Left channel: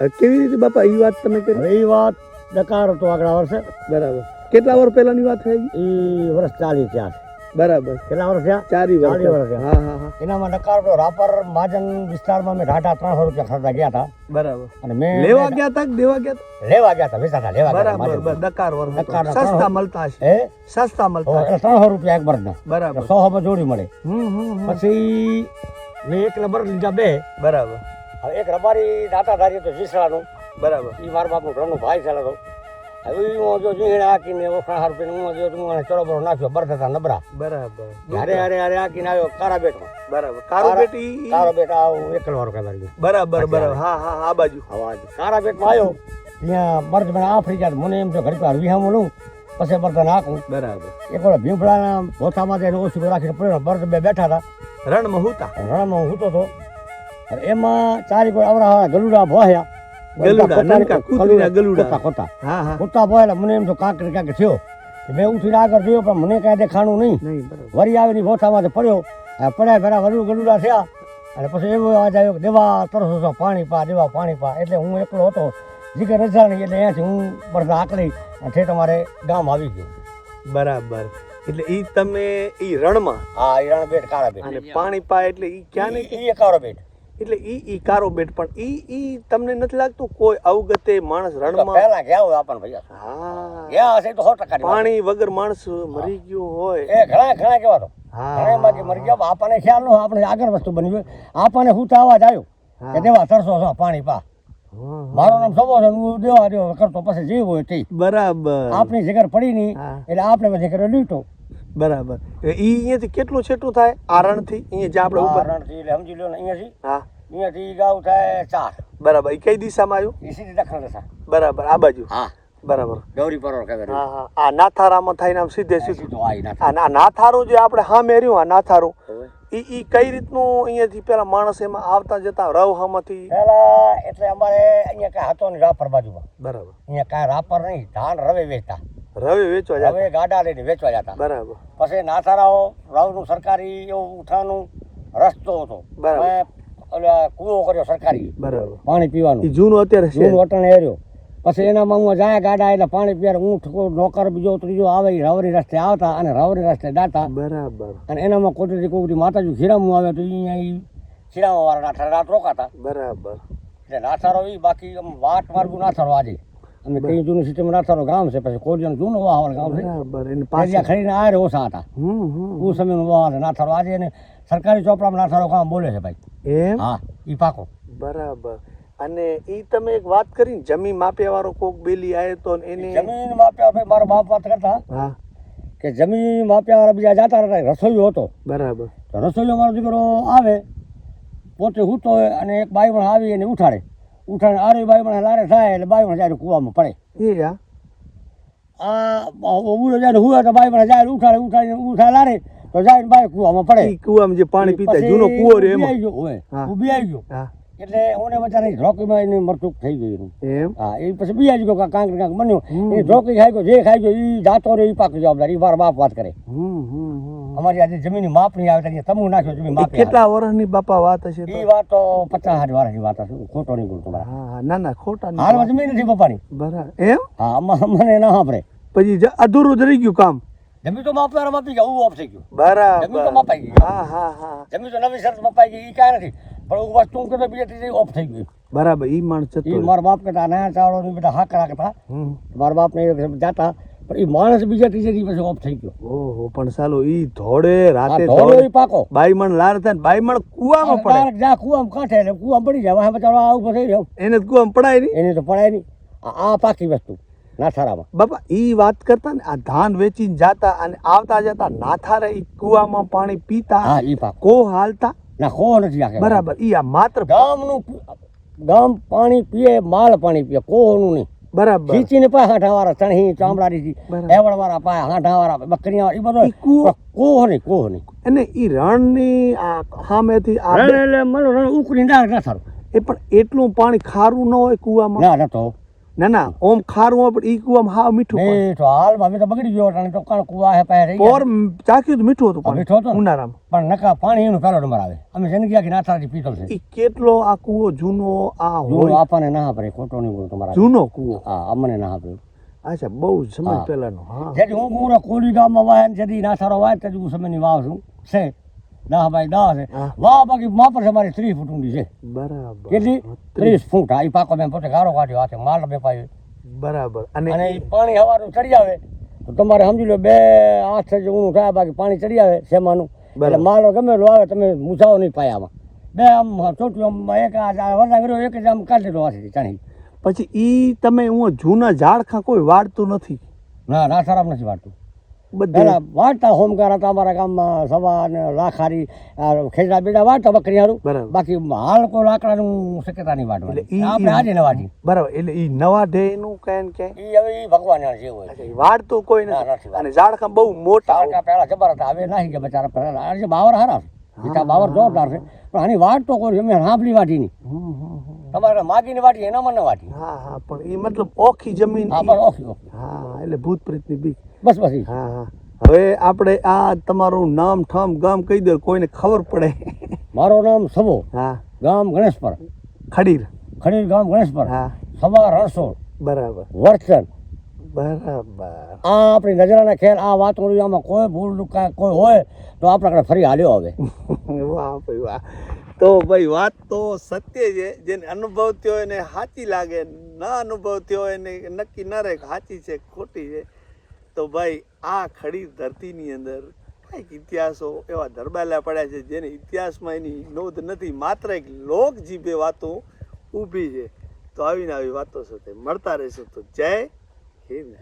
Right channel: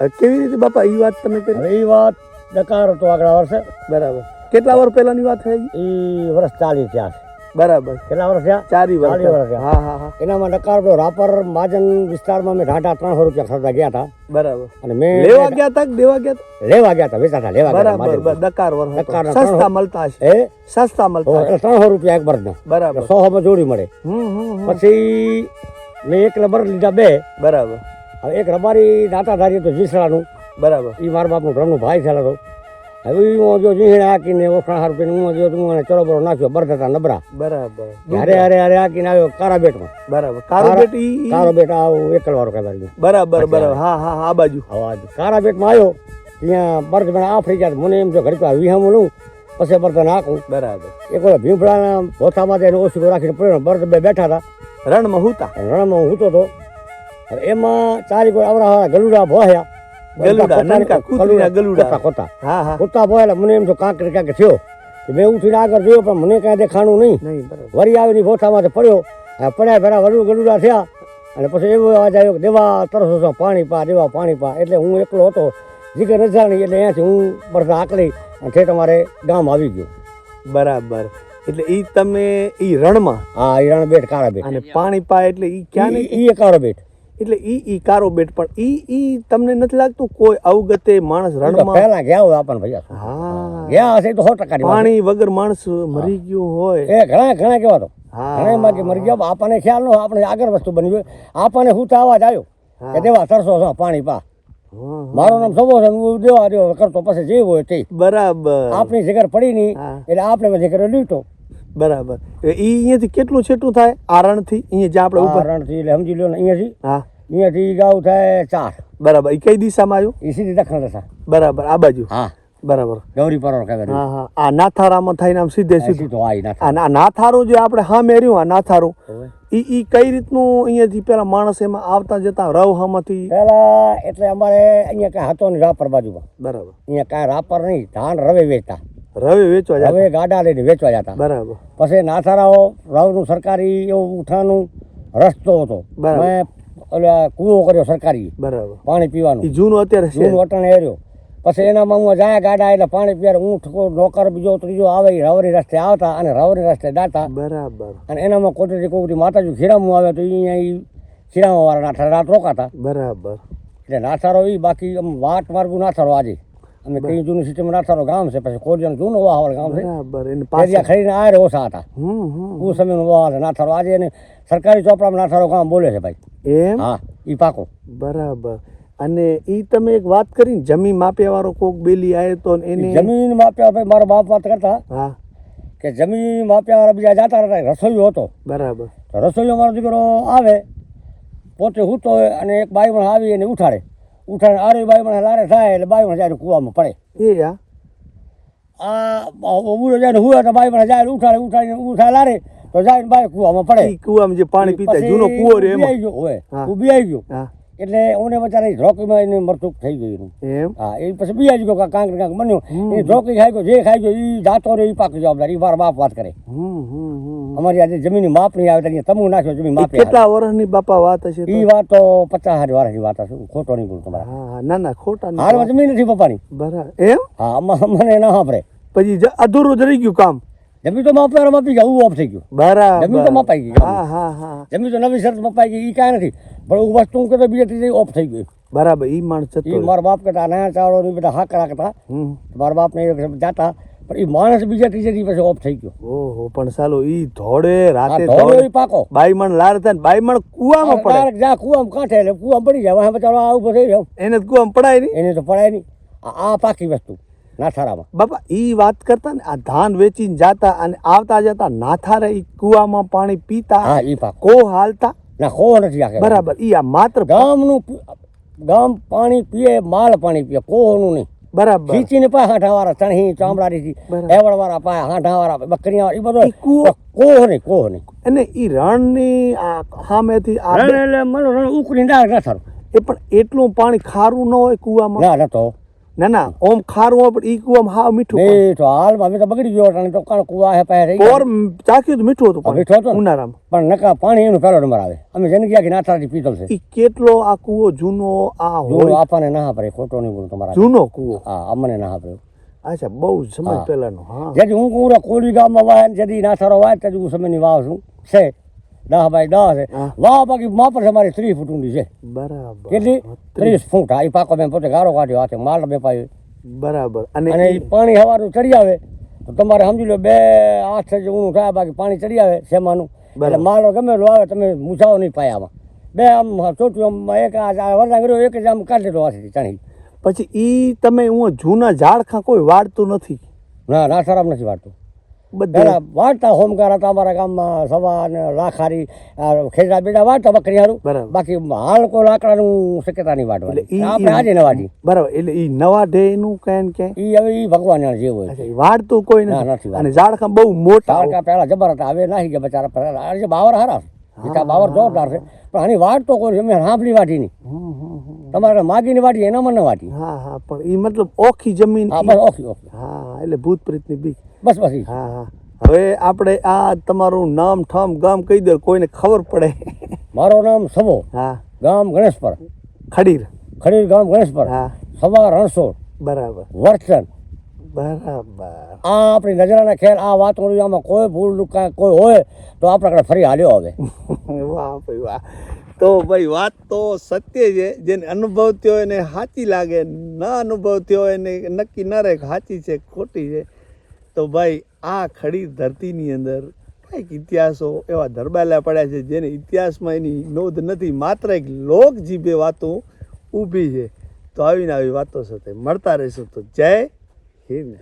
કેવી રીતે બાપા એ વાત તમે કરી? એ વાત ડકાર હતો આગળ વર્ષે બરાબર. કેટલા વર્ષ પહેલાની વાત થઈ? એ વર્ષ ચાલી ત્યાં બરાબર. કેટલા વર્ષ થયા? ચારી વર્ષ વર્ષ હા હા હા. એનામાં ડકાર તો રાપર મહાજન વિસ્તારમાં મેં ઢાંઢા ત્રણસો રૂપિયા ખર્ચા ગયા હતા. બરાબર. અને મેં લેવા ગયા તક દેવા ગયા હતા લેવા ગયા હતા વેચાતા લેવા બરાબર વર્ષ સસ્તા મળતા છે હે? સસ્તા મળતા ત્રણસો રૂપિયા એક બરને બરાબર. સો માં જોડી મળે. હમ હમ હમ. પછી મેં એક લબર લીધા બે. બરાબર. હવે એક રબારી દાતા ધારી તો જીસરાનું બરાબર. એ મારા બાપનું ઘરનું ભાઈ છે તો હવે હું જો નીહણે આકીને ઓખણા હાર પીને હું જો હું ચરોબરો નાખ્યો બરધતા નબરા બરાબર. હારે હારે અરે આકીને આવ્યો કારા બેટમાં બરાબર. કારાબેટ કારા- બેટી ઈ- કારા બેટ આવું એકલ વાળો કહેવાય બરાબર બરાબર. હા હા આ બાજુ. કારા બેટમાં આવ્યો ત્યાં બરધ આ ફરી ગયા મને એમ છે ઘર પર વિહામું લઉં પછી બરધ નાખું. બરાબર. એક વાર ભીમફળાના ભોથામાં જઈને ઓછી રાખીને પડ્યો બરધ બે બેઠા હતા. રણમાં હુતા. રણમાં હું હૂતો હતો એમાં ચારી કોઈ આવડા ગલુડા ભોયા ગલુડા, નાનકા કૂતરીના ગલુડા. કોતા કોતા હા હા. કુત્તા ભોયલા મને એમ તો કાંક ને કાંક થયો. મેં ઉઠીને આગળ જોયો પણ મને કાંઈ દેખાણું નહીં. વળી આવીને ગોથામાં પડ્યો. આ પડ્યા ભરા વડુ ગલુડા થયા. અને પછી એવો અવાજ આવ્યો દેવા તરસો પાણી પા દેવા પાણી પા. એટલે હું એકલો હતો. જીગર રજાણી એટલે અહીંયાથી હું બરદા આકલી અને ઠેઠ અમારે ગામ આવી ગયું. બરાબર. એટલે ઈ તમે ઈ રણમાં? હા ઈ રણ બેટ કાળા બેટ અને પાણી પાય એટલે ઈ ક્યાં ને ઈ કાળા બેટ એટલે ઈ ઈ કારો બેટ પણ ઈ ઈ તમને નથી લાગતું કોઈ અવગતે માણસ રણમાં? પહેલા ગયા હોય આપણને ભૈયા હા. ગયા હશે તો સો ટકા પાણી વગર માણસ મરી ગયો હોય. એ ઘણા ઘણા કેવા તો. હા. ઘણા બાકી મરી ગયા. આપણને ખ્યાલ ન આપણે આગળ વસ્તુ બની ગયો આપણને હું તો અવાજ આવ્યો. કે દેવા તરસો છો પાણી પા. મારો નામ સબો છે હું દેવા દેવા કરતો પછી જે હોય તે. બરાબર. આપણી જગર પડી નહીં એટલે આપણે જગર લીટો. બરાબર. એ અહીંયાથી કેટલું છેટું થાય? આરણથી? અહીંયા જે આપણે ઉપર રણથી એટલે સમજી લો ને અહીંયાથી હા. અહીંયાથી ગાઉ થાય ચાર. બરાબર. એ કઈ દિશામાં આવ્યું? એ સીધી દક્ષિણ દિશા. બરાબર. આ બાજુ? હા. બરાબર. ગૌરી પરોળ કહેવાય હા હા. આ નાથારામાં થઈને આમ સીધે સીધું. તો આ નાથારું જે આપણે સામે મેર્યું આ નાથારું ઈ ઈ કઈ રીતનું અહીંયાથી પેલા માણસ એમાં આવતા જતા રવ હામાંથી? પેલા એટલે અમારે અહીંયા કાંઈ હતો ને રાપર બાજુમાં. બરાબર. અહીંયા કાંઈ રાપર નહીં ધાન રવે વેચતા રવે વેચવા જતા? હવે ગાડા લઈને વેચવા જતા. બરાબર. પછી નાથારાઓ રાવનું સરકારી એવું ઉઠાનું રસ્તો હતો. મેં ઓલા કૂવો કર્યો સરકારી બરાબર. પાણી પીવાનું. જૂનું અત્યારે જૂનું અટણ એર્યો પછી એનામાં હું જાય ગાડા એટલે પાણી પીવા ઊંઠ નોકર બીજો ત્રીજો આવે રાવરી રસ્તે આવતા અને રાવરી રસ્તે દાતા. બરાબર. અને એનામાં કોટરી કોકરી માતાજી ખીરામું આવે તો અહીંયા એ ખીરામાં વાળા નાથારા રાત રોકાતા. બરાબર. એટલે નાથારો એ બાકી આમ વાટ માર્ગું નાથારો આજે. અમે પેલું જૂનું સિસ્ટમ નાથારો ગામ છે પછી કોરિયાનું જૂનું વાહવાળ ગામ છે. બરાબર એને ખરીને આયર ઓછા હતા હું સમયમાં વાહ નાથારો આજે એને સરકારી ચોપડામાં નાથારો ગામ બોલે છે ભાઈ. એમ? હા એ પાકો. બરાબર. અને એ તમે એક વાત કરી જમીન માપ્યા વાળો કોક બેલી આવે તો એને જમીન માપ્યા ભાઈ મારા બાપ વાત કરતા. હા. કે જમીન માપ્યા બીજા જતા હતા રસોઈયો હતો. બરાબર. રસોઈયો મારો દીકરો આવે પોતે હૂતો હોય અને એક બાઈ પણ આવી એને ઉઠાડે. ઉઠાડે આરે મને લારે થાય એટલે બાઈમણ જાય કૂવામાં પડે. એ આ ઉભું જાય હુએ તો મને જાય ઉઠાડે ઉઠાડીને ઉઠા લારે તો જાય બાઈ કૂવામાં પડે. કૂવામાં જે પાણી પીતા જૂનો કુવો રે એમાં. ઊભી આવી ગયો. હા. એટલે ઓને બચારા ધ્રોકીમાં એને મરચુક થઈ ગયું એમ? હા એ પછી બીજા ગયો કાંક ને કાંક બન્યો. એ ધ્રોકી ખાઈ ગયો જે ખાઈ ગયો એ જાતો રે એ પાક જવાબદાર એ મારા બાપ વાત કરે. અમારી આજે જમીન માપ નહીં આવે ત્યાં તમુ નાખ્યો જમીન માપ કેટલા વર્ષની બાપા વાત હશે એ વાત તો પચાસ હાથ વર્ષની વાત હશે ખોટો નહીં બોલું તમારા. હા હા ના ના ખોટા હાલમાં જમીન નથી પપ્પાની. બરાબર. એમ? હા અમને ના સાંભળે. પછી અધૂરું જ રહી ગયું કામ. જમીન તો માપનાર માપી ગયા હું ઓફ થઈ ગયો. બરાબર. જમીન તો મપાઈ ગઈ. હા હા હા. જમીન તો નવી શરત મપાઈ ગઈ એ કાંઈ નથી. પણ હું વસ્તુ હું કહેતો બીજા ત્રીજે ઓફ થઈ ગયું. બરાબર ઈ માણસ એ મારા બાપ કરતા નાના ચાવડો ને બધા હાક રાખતા હમ. મારા બાપ ને જાતા પણ એ માણસ બીજા ત્રીજે દિવસે પછી ઓફ થઈ ગયો. ઓહો પણ સાલો ઈ ધોળે રાતે ઈ પાકો. બાઈમણ લાર થાય બાઈમણ કુવામાં પડે. જા કુવામાં કાંઠે એટલે કુવામાં પડી જાય. બચારો આ ઉપર થઈ જાવ એને કુવામાં પડાય નહીં. એને તો પડાય નહીં. આ પાકી વસ્તુ. નાથારામાં બાપા એ વાત કરતા ને આ ધાન વેચીને જાતા અને આવતા જતા નાથારે ઈ કુવામાં પાણી પીતા હા ઈ પાકો કો હાલતા? ના કો નથી બરાબર ઈ આ માત્ર ગામનું ગામ પાણી પીએ માલ પાણી પીએ કોહનું નહીં. બરાબર. ખીચીને પા હાંઠાવાળા ચણી ચામડાની. એવડવાળા પા હાંઠાવાળા બકરીયા એ બધો કોહ નહીં કોહ નહીં. અને ઈ રણની આ સામેથી આ રણ એટલે મને રણ ઉકળી ના ના એ પણ એટલું પાણી ખારું ન હોય કુવામાં? ના નતો. ના ના ઓમ ખારું હોય પણ ઈ કુવામાં હાવ મીઠું મીઠું હાલ અમે તો બગડી ગયો અને તો કાણ કુવા હે પાસે રહી પોર ચાખ્યું તો મીઠું હતું પણ મીઠું હતું? ઉનાળામાં. પણ નકા પાણી એનું પહેલો નંબર આવે. અમે જેને ગયા કે નાથાથી પીતલ છે. ઈ કેટલો આ કુવો જૂનો આ હોય? આપણને ના પડે ખોટો નહીં બોલું તમારા. જૂનો કુવો? હા અમને ના પડે અચ્છા બહુ સમય. પહેલાનો હા. જેથી હું કુવરા કોળી ગામમાં વાય ને જેથી નાથારો વાય તેથી હું સમયની વાવ છું. છે. દસ બાય દસ વાહ બાકી માપર છે મારી ત્રીસ ફૂટ ઊંડી છે. બરાબર. કેટલી? ત્રીસ. ફૂટ. એ પાકો મેં પોતે ગારો કાઢ્યો હાથે માલ બે પાયો. બરાબર. અને પાણી હવાનું ચડી આવે. તો તમારે સમજી લો બે આઠ છ ઊંડું થાય બાકી પાણી ચડી આવે શેમાનું. એટલે. માલો ગમે એટલો આવે તમે મૂછાવો નહીં પાયામાં બે આમ ચોટ્યું આમ એક આ વરસાદ કર્યો એક જ આમ કાઢી દીધો હાથેથી ચણી. પછી ઈ તમે હું જૂના ઝાડખા કોઈ વાળતું નથી? ના ના ખરાબ નથી વાળતું. બધું. વાળતા હોમકાર હતા અમારા ગામમાં સવાર ને લાખારી ખેતરા બેડા વાળતા બકરી હારું. બાકી હાલ કોઈ લાકડાનું શક્યતા નહીં ઈ- આપણે આજે ન વાટી બરાબર એટલે એ નવા ઢે નું ને કે? એ હવે એ ભગવાન જાણે જે હોય. વાળતું કોઈ નથી. અને ઝાડખા બહુ મોટા પહેલા જબર હતા હવે નાહી કે બચારા. પહેલા બાવર હારા. ઈટા બાવર જોરદાર છે. પણ આની વાટ તો કોઈ અમે સાંભળી વાટી નહીં. તમારે માગીની વાટી એનામાં ન વાટી હા હા પણ એ મતલબ ઓખી જમીન હા પણ ઓખી ઓકે હા એટલે ભૂત પ્રેતની બીક. બસ બસ હા હા. હવે આપણે આ તમારું નામ ઠામ ગામ કહી દો કોઈને ખબર પડે. મારું નામ સબો. હા. ગામ ગણેશપર. ખડીર. ખડીર ગામ ગણેશપર. હા. સવા રણસોડ બરાબર. વર્તન બરાબર. આ આપણી નજરાના ખેલ આ વાત કરું આમાં કોઈ ભૂલ કાંઈ કોઈ હોય તો આપણે આપણે ફરી હાલ્યો હવે. વાહ ભાઈ વાહ. તો ભાઈ વાત તો સત્ય છે. જેને અનુભવ થયો એને સાચી લાગે ન અનુભવ થયો એને નક્કી ન રહે સાચી છે ખોટી છે. તો ભાઈ આ ખડી ધરતીની અંદર કંઈક ઇતિહાસો એવા ધરબાયેલા પડ્યા છે જેને ઇતિહાસમાં એની નોંધ નથી. માત્ર એક લોક જીભે વાતો ઊભી છે. તો આવીને આવી વાતો સાથે મળતા રહીશું. તો જય Him